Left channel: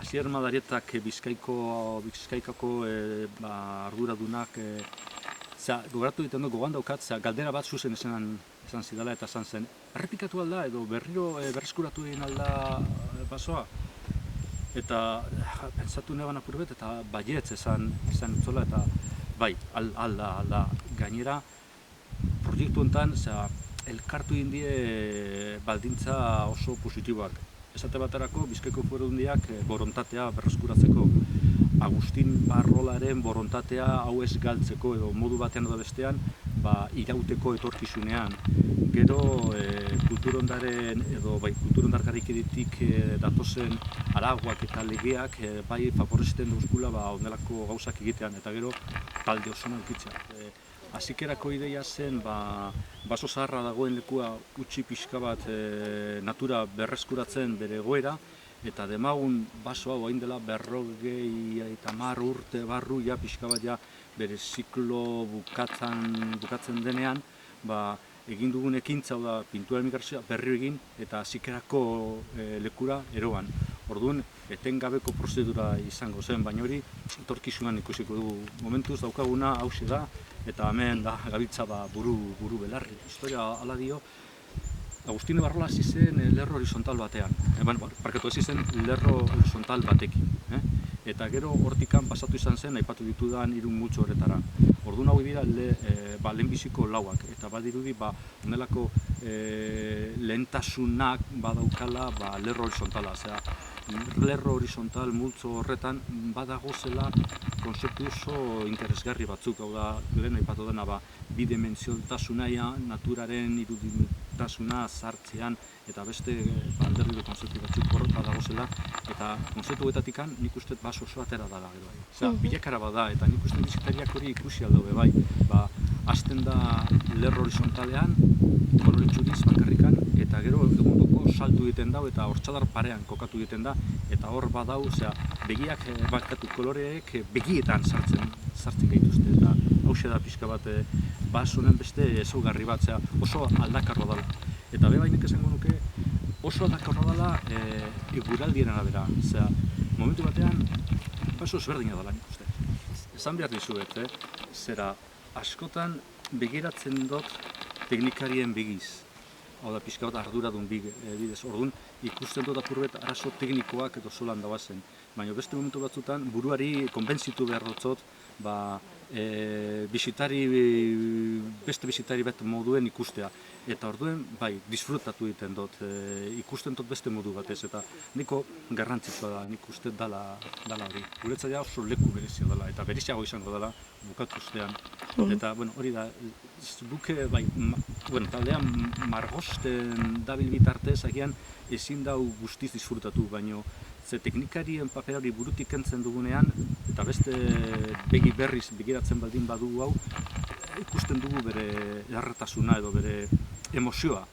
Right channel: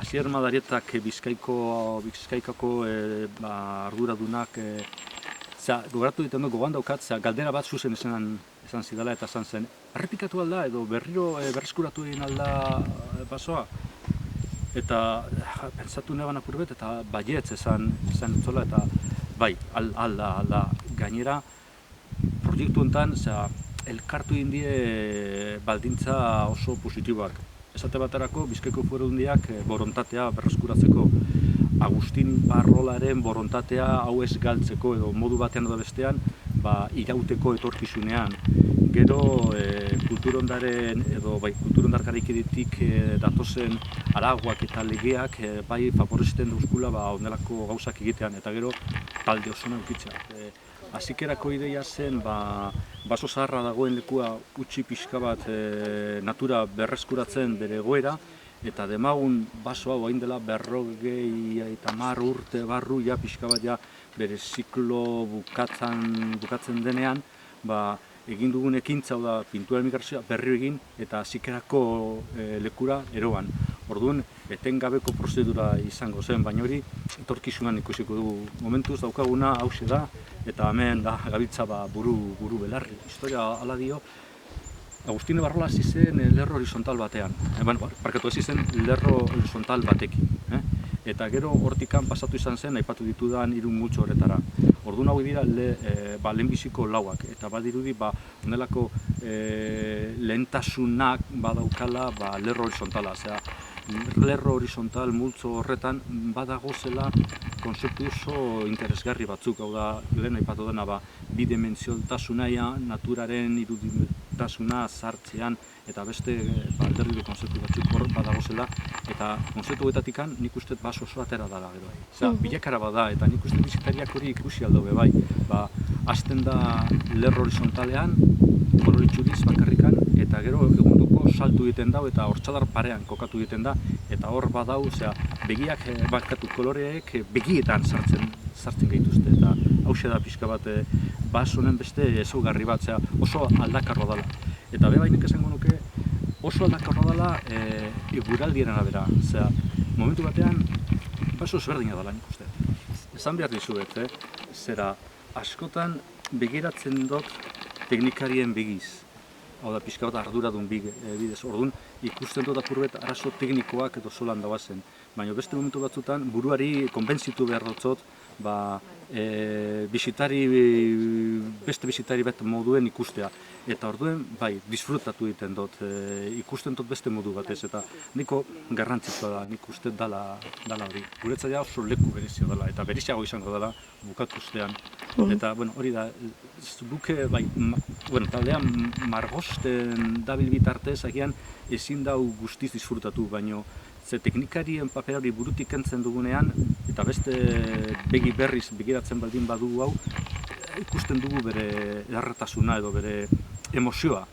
Asier Madarietak Bizkaikako arduradunak gogoratu egiten du, gogoan daukat, galdera bat zuzen esan zidala eta esan zen, errepikatu alda edo berriro berreskuratu egin alda basoa? Eta pentsatu neban apurbet eta baietz esan utzola eta bai, alda. Gainera, proiektu honetan elkartu indie baldintza oso positiboak. Esate baterako, Bizkaiko Foru Aldundiak borontatea berreskuratzeko, Agustin Barrolaren borontatea hau ez galtzeko edo modu batean edo bestean irauteko etorkizunean. Gero kulturondaren edo kulturondarkarikidetik datozen aragoak eta legeak bai favorezten dauzkula onelako gauzak egitean eta gero talde osona edukitzea. Hasikerako ideia zen baso zaharra dagoen lekua utzi pixka bat natura berreskuratzen bere egoera eta demagun baso hau hain dela 50 urte barru pixka bat bere ziklo bukatzen denean egin dugun ekintza da pintura emigrazioa berri egin eta hasikerako lekura eroan. Orduan, etengabeko prozedura izango zen, baina hori etorkizunan ikusiko dugu. Momentuz daukaguna hauxe da eta hemen gabiltza buru belarri. Historia hala dio, Agustino Barrola hasi zen lerro horizontal batean. Barkatu hasi zen lerro horizontal batekin. Eta gero hortikan pasatu izan zen, aipatu ditudan 3 multzo horretara. Orduan hau dira lehenbiziko lauak. Eta badirudi onelako lehentasunak badaukala lerro horizontala. Lerro horizontal multzo horretan badagozela konzeptu oso interesgarri batzuk. Hau da, lehen aipatu dena bidimentsiotasunaia, naturaren irudimentasuna sartzean eta beste alderriko konzeptu batzuk hor badagozela eta konzeptu betatikan nik uste baso oso atera dela gero. Bilakara bada eta nik uste bizitariak hori ikusi aldo bai. Hasten da lerro horizontalean, kolore txuriz bakarrikan eta gero egundoko saltu egiten dau eta hortxadar parean kokatu egiten da eta hor badau, begiak bakatu koloreek begietan sartzen gaituzte eta hauxe da pixka bat baso honen beste ezaugarri bat, oso aldakarroa dela. Eta bainik esango nuke oso aldakarroa dela eguraldien arabera. Momentu batean baso ezberdina dela nik uste. Esan behar dizuet, askotan begiratzen dut teknikarien begiz. Hau da, pixka bat arduradun bidez. Orduan, ikusten dut apurbet arazo teknikoak edo solan dagoazen. Baina beste momentu batzutan buruari konbentzitu behar dutzot, beste bisitari bat moduen ikustea. Eta orduen, disfrutatu egiten dut, ikusten dut beste modu batez. Eta niko garrantzitsua da, nik uste dala hori. Guretzat oso leku berezia dela, eta bereziago izango dela bukatu ustean. Eta hori da, buke, taldean margosten dabil bitartez, agian ezin dau guztiz disfrutatu, baino teknikarien paper hori burutik kentzen dugunean, eta beste begi berriz begiratzen baldin badugu hau, ikusten dugu bere erretasuna edo bere emozioa.